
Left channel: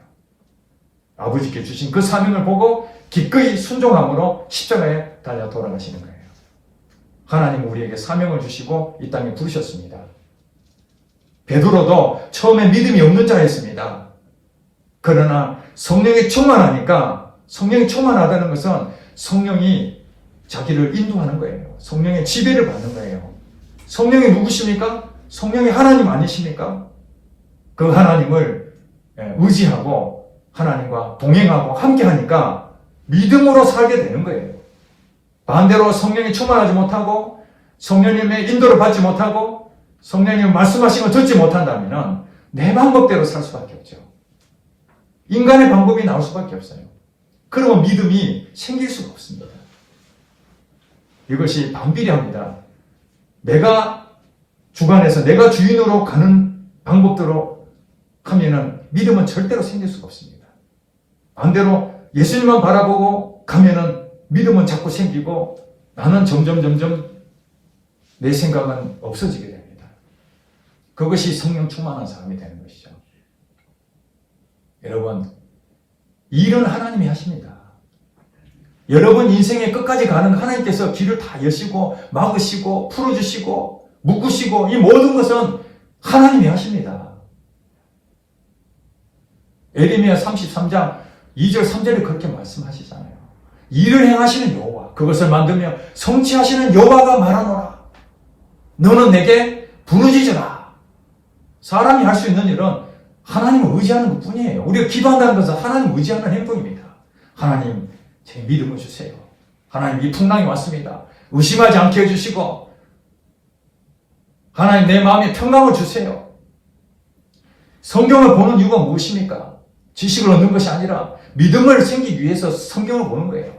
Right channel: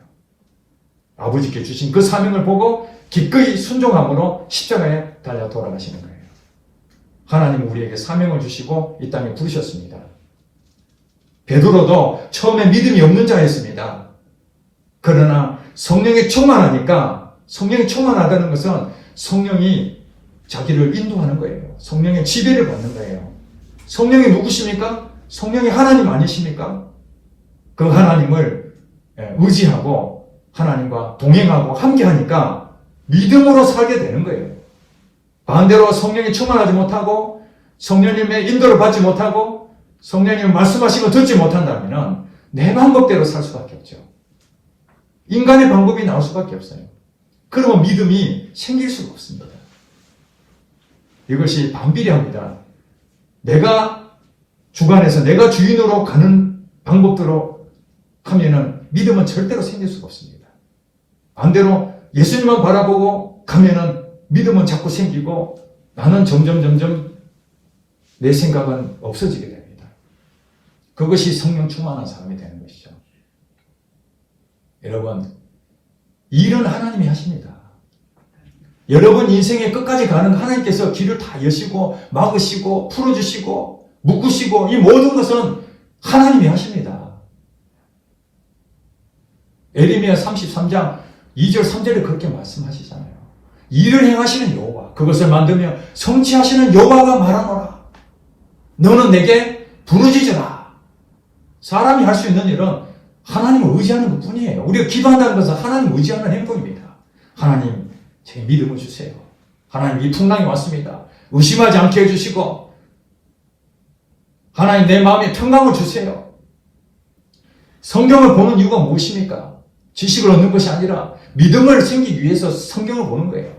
아버지께 주신 그 사명을 보고 기꺼이 순종함으로 십자가에 달려 돌아가시는 거예요. 하나님은 우리에게 사명을 주시고 이 땅에 부르셨습니다. 베드로도 처음에 믿음이 없는 자였습니다. 그러나 성령이 충만하니까 성령이 충만하다는 것은 성령이 자기를 인도하는 거예요. 성령의 지배를 받는 거예요. 성령이 누구십니까? 성령이 하나님 아니십니까? 그 하나님을 의지하고 하나님과 동행하고 함께하니까 믿음으로 살게 되는 거예요. 반대로 성령이 충만하지 못하고 성령님의 인도를 받지 못하고 성령님 말씀하신 거 듣지 못한다면 내 방법대로 살 수밖에 없죠. 인간의 방법이 나올 수밖에 없어요. 그러면 믿음이 생길 수가 없습니다. 이것이 반비례합니다. 내가 주관해서 내가 주인으로 가는 방법대로 하면은 믿음은 절대로 생길 수가 없습니다. 반대로 예수님만 바라보고 가면은 믿음은 자꾸 생기고 나는 점점 내 생각은 없어지게 됩니다. 그것이 성령 충만한 사람이 되는 것이죠. 여러분, 일은 하나님이 하십니다. 여러분 인생의 끝까지 가는 하나님께서 길을 다 여시고 막으시고 풀어주시고 묶으시고 이 모든 것은 하나님이 하십니다. 에레미야 33장 2절 3절에 그렇게 말씀하시잖아요. 일을 행하시는 여호와, 그것을 만들며 성취하시는 여호와가 말하노라. 너는 내게 부르짖으라. 사람이 할 수 있는 일은 하나님을 의지하는 것 뿐이에요. 우리가 기도한다는 것은 하나님을 의지하는 행동입니다. 하나님, 제 믿음을 주세요. 하나님, 이 풍랑이 왔습니다. 의심하지 않게 해주시고 하나님, 내 마음에 평강을 주세요. 성경을 보는 이유가 무엇입니까? 지식을 얻는 것이 아니라 믿음을 생기기 위해서 성경을 보는 거예요.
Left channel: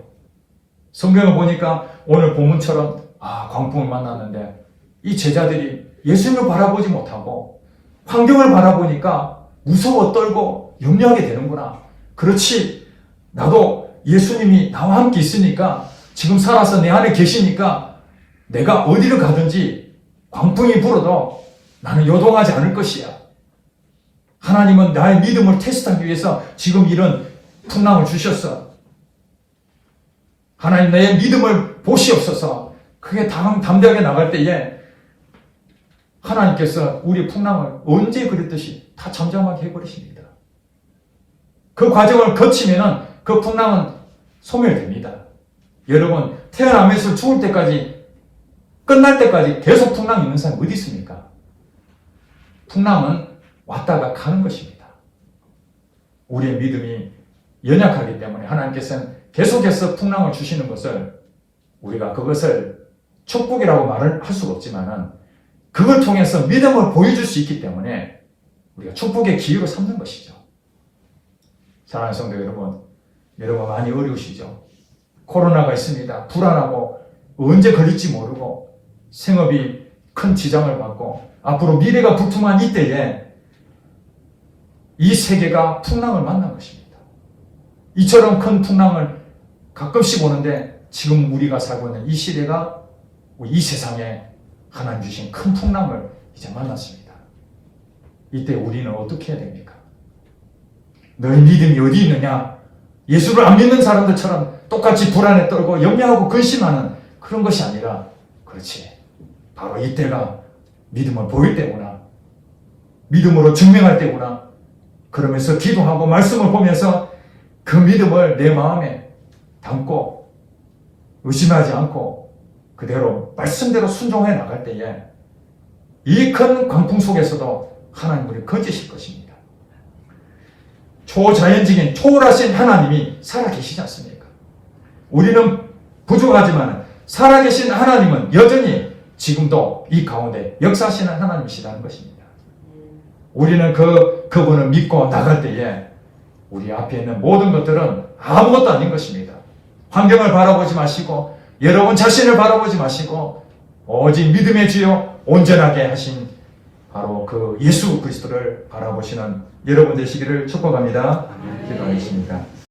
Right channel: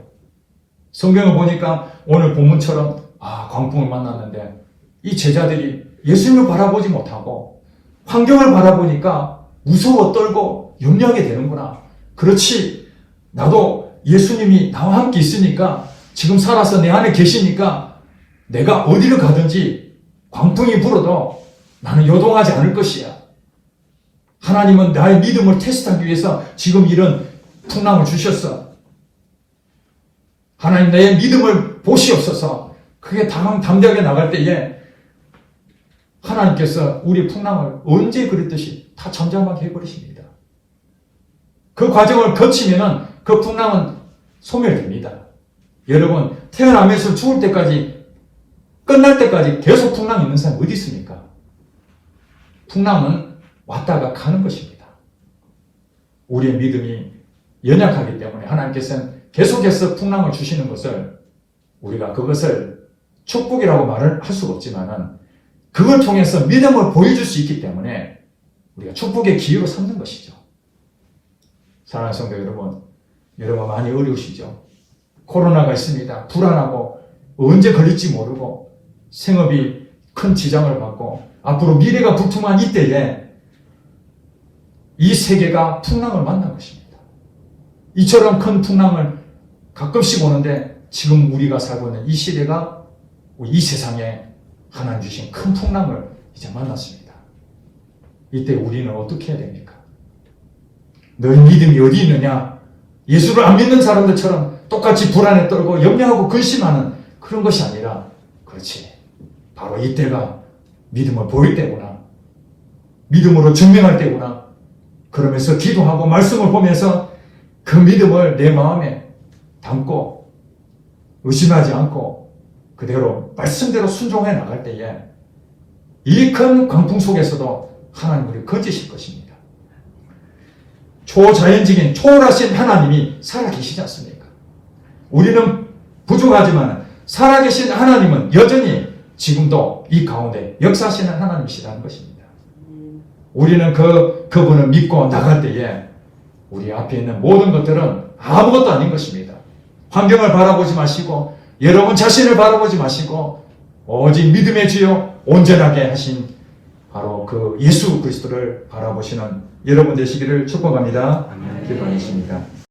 성경을 보니까 오늘 본문처럼 광풍을 만났는데 이 제자들이 예수님을 바라보지 못하고 환경을 바라보니까 무서워 떨고 염려하게 되는구나. 그렇지, 나도 예수님이 나와 함께 있으니까 지금 살아서 내 안에 계시니까 내가 어디를 가든지 광풍이 불어도 나는 요동하지 않을 것이야. 하나님은 나의 믿음을 테스트하기 위해서 지금 이런 풍랑을 주셨어. 하나님, 내 믿음을 보시옵소서. 그게 담대하게 나갈 때에 하나님께서 우리 풍랑을 언제 그랬듯이 다 잠잠하게 해버리십니다. 그 과정을 거치면은 그 풍랑은 소멸됩니다. 여러분, 태어나면서 죽을 때까지, 끝날 때까지 계속 풍랑이 있는 사람이 어디 있습니까? 풍랑은 왔다가 가는 것입니다. 우리의 믿음이 연약하기 때문에 하나님께서는 계속해서 풍랑을 주시는 것을 우리가 그것을 축복이라고 말을 할 수가 없지만은 그걸 통해서 믿음을 보여줄 수 있기 때문에 우리가 축복의 기회로 삼는 것이죠. 사랑하는 성도 여러분, 여러분 많이 어려우시죠? 코로나가 있습니다. 불안하고 언제 걸릴지 모르고 생업이 큰 지장을 받고 앞으로 미래가 불투명한 이때에 이 세계가 풍랑을 만난 것입니다. 이처럼 큰 풍랑을 가끔씩 오는데 지금 우리가 살고 있는 이 시대가 이 세상에 하나님 주신 큰 풍랑을 이제 만났습니다. 이때 우리는 어떻게 해야 됩니까? 너희 믿음이 어디 있느냐? 예수를 안 믿는 사람들처럼 똑같이 불안에 떨고 염려하고 근심하는 그런 것이 아니라, 그렇지, 바로 이때가 믿음을 보일 때구나, 믿음으로 증명할 때구나, 그러면서 기도하고 말씀을 보면서 그 믿음을 내 마음에 담고 의심하지 않고 그대로 말씀대로 순종해 나갈 때에 이 큰 광풍 속에서도 하나님을 건지실 것입니다. 초자연적인 초월하신 하나님이 살아계시지 않습니까? 우리는 부족하지만 살아계신 하나님은 여전히 지금도 이 가운데 역사하시는 하나님이시라는 것입니다. 우리는 그분을 믿고 나갈 때에 우리 앞에 있는 모든 것들은 아무것도 아닌 것입니다. 환경을 바라보지 마시고 여러분 자신을 바라보지 마시고 오직 믿음의 주여 온전하게 하신 바로 그 예수 그리스도를 바라보시는 여러분 되시기를 축복합니다. 기도하겠습니다.